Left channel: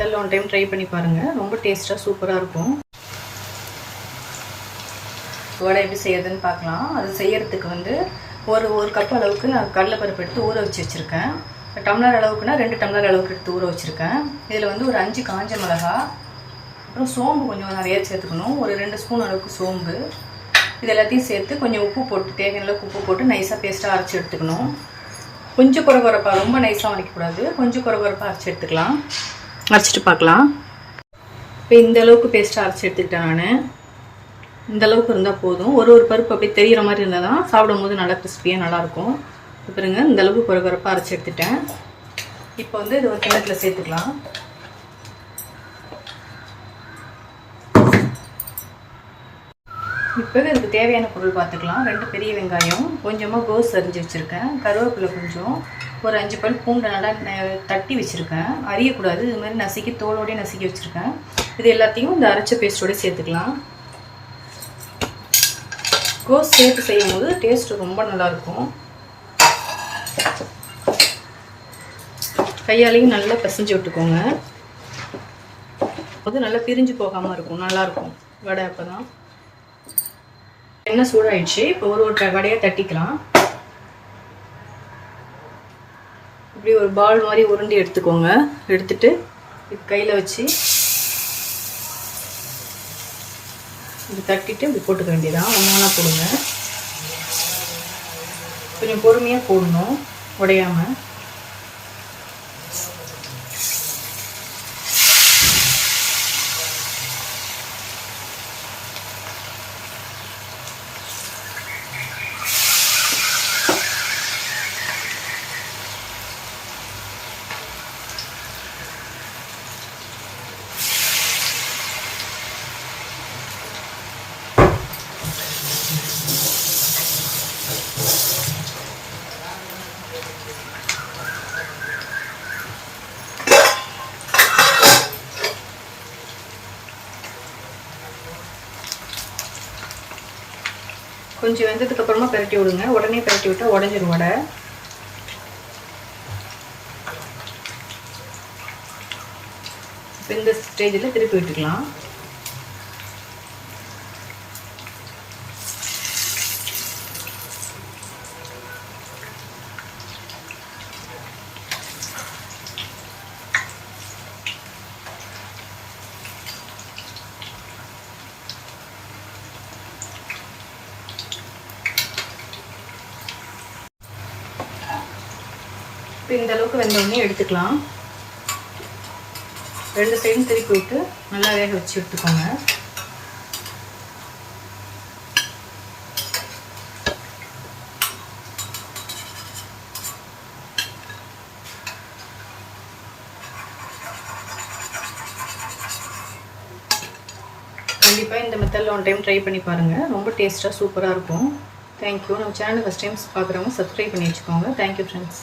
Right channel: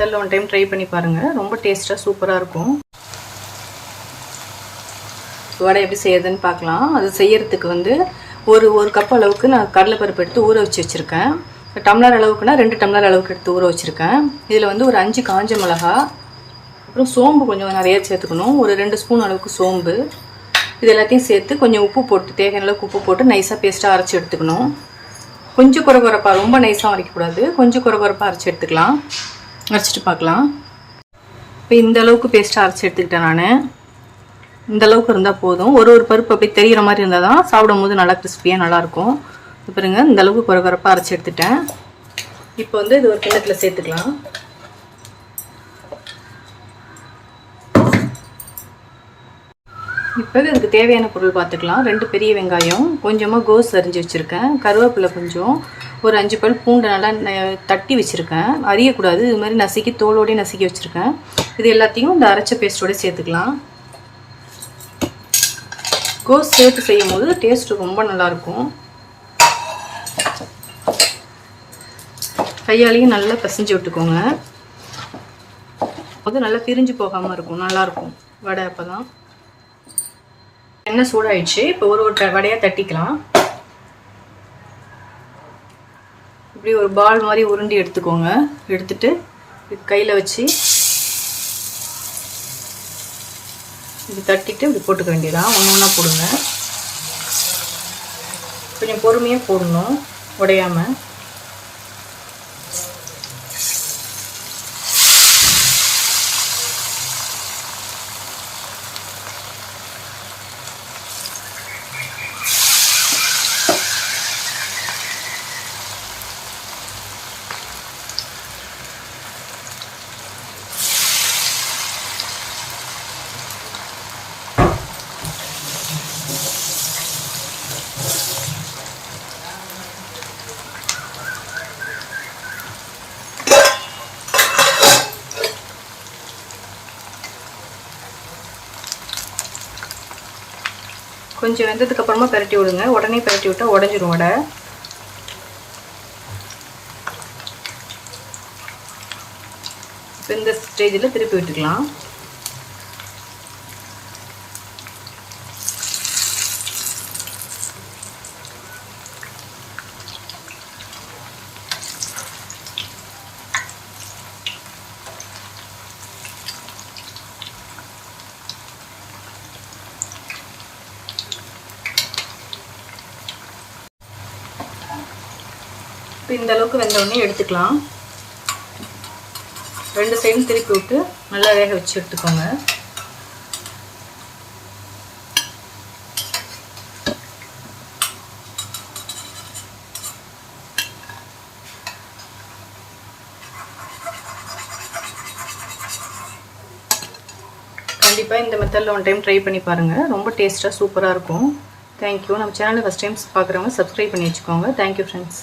மெத்தடில் one time try பண்ணி பாருங்கள். ரொம்ப டேஸ்ட்டாக சூப்பராக இருக்கும். வடை எப்படி செய்யறதுன்னு பார்க்கலாம். அது செய்யறதுக்கு வந்து ஒரு கப் அளவுக்கு நான் கடலைப்பருப்பு எடுத்து ஊற வச்சுருக்கேன். டம்ளர் அளவுக்குன்னா 2 டம்ளர் அளவுக்கு எடுத்து ஊற வச்சுருக்கேன். இதில் வந்து ஒரு 5 காஞ்ச மிளகா, அப்புறம் சோம்பு கொஞ்சம் நிறைய சேர்த்துக்கணும். ஒரு 2 ஸ்பூன் அளவுக்கு சோம்பு. இது எல்லாத்தையும் சேர்த்து கொஞ்சம் உப்பு போட்டு, தேவையான அளவுக்கு உப்பு போட்டு நைஸாக பேஸ்ட்டாக அரைச்சி எடுத்துக்கணும். கொஞ்சம் குறைப்பாக, ரொம்ப நைஸாக அரைக்கக்கூடாது, கொஞ்சம் குறைப்பாக அரைச்சி எடுத்துக்கலாம். அரைச்சிட்டு பார்க்கலாம். இப்போ இந்த அளவுக்கு பேஸ்ட்டாக அரைச்சி எடுத்துக்கிட்டேன் நான். இந்த அளவுக்கு இருந்தால் போதும். ஒரு பருப்பு அப்படி தெரிகிற மாதிரி இருந்தால் தான் சாப்பிடும் போது நல்லா கிறிஸ்பியாக நல்லாயிருக்கும். பாருங்க, இந்த அளவுக்கு குறைப்பாக அரைச்சி எடுத்துட்டேன். இப்போ வந்து இது ஒரு கிண்ணத்தில் சேர்த்துக்கலாம். இப்போ இதுக்கு தேவையான பொருள் பார்த்துக்கலாம். 2 பெரிய வெங்காயம், கொஞ்சமாக கோஸ் அரிஞ்சு வச்சுருக்கேன், கருவேப்பிலை கொஞ்சம், ஒரு 5 பல் பூண்டு நல்லா தட்டி வச்சுருக்கேன், அரியக்கூடாது, இது மாதிரி நசுக்கி தோலோடய நசுக்கி வச்சுருக்கேன். இது எல்லாத்தையும் இந்த அரைச்ச பேஸ்ட்டோடு சேர்த்துக்கலாம். கோஸ் சேர்த்து செய்யும் போது டேஸ்ட் ரொம்ப நல்லாயிருக்கும். கையாலையும் நல்லா பிசைஞ்சு விட்டுக்கோங்க. அது நல்லா பிரிஞ்சு போகாமல் இருக்கும், நல்லாயிருக்கும் வடை. அப்போ தான் எண்ணெய் சூடாயிடுச்சு. இப்போ ஒரு வடையை தட்டிக்கலாம். இப்படி ஒரு பால் மாதிரி உருண்டி எடுத்துக்கோங்க. எடுத்துட்டு கையில் வச்சு இப்படி தட்டிட்டு இப்படி போட்டுக்க வேண்டியதான். ஒன்றா போடுங்க. கொஞ்சம் பொறுமையாக போடணும், உடையாமல். கொஞ்சம் வெந்ததுக்கு அப்புறமா பரட்டி விடுங்க. உடனே பரட்டி விட்டால் உடஞ்சிரும் வடை. இப்போ இந்த ஸ்டேஜில் திருப்பி விட்டுக்கலாம். இந்த அளவுக்கு வெந்தோடனே எடுத்துக்கலாம். 2 சைடும் திருப்பி விட்டு நல்லா வேக வச்சு எடுத்துக்கோங்க. கண்டிப்பாக இந்த மெத்தடில் ஒன் டைம் ட்ரை பண்ணி பாருங்கள். ரொம்ப டேஸ்ட்டாக சூப்பராக இருக்கும். தேங்க்யூ. நம்ம சேனல் ஃபஸ்ட் டைம் பார்க்குறவங்க சப்ஸ்கிரைப் பண்ணி வச்சுக்கோங்க. Thank you friends.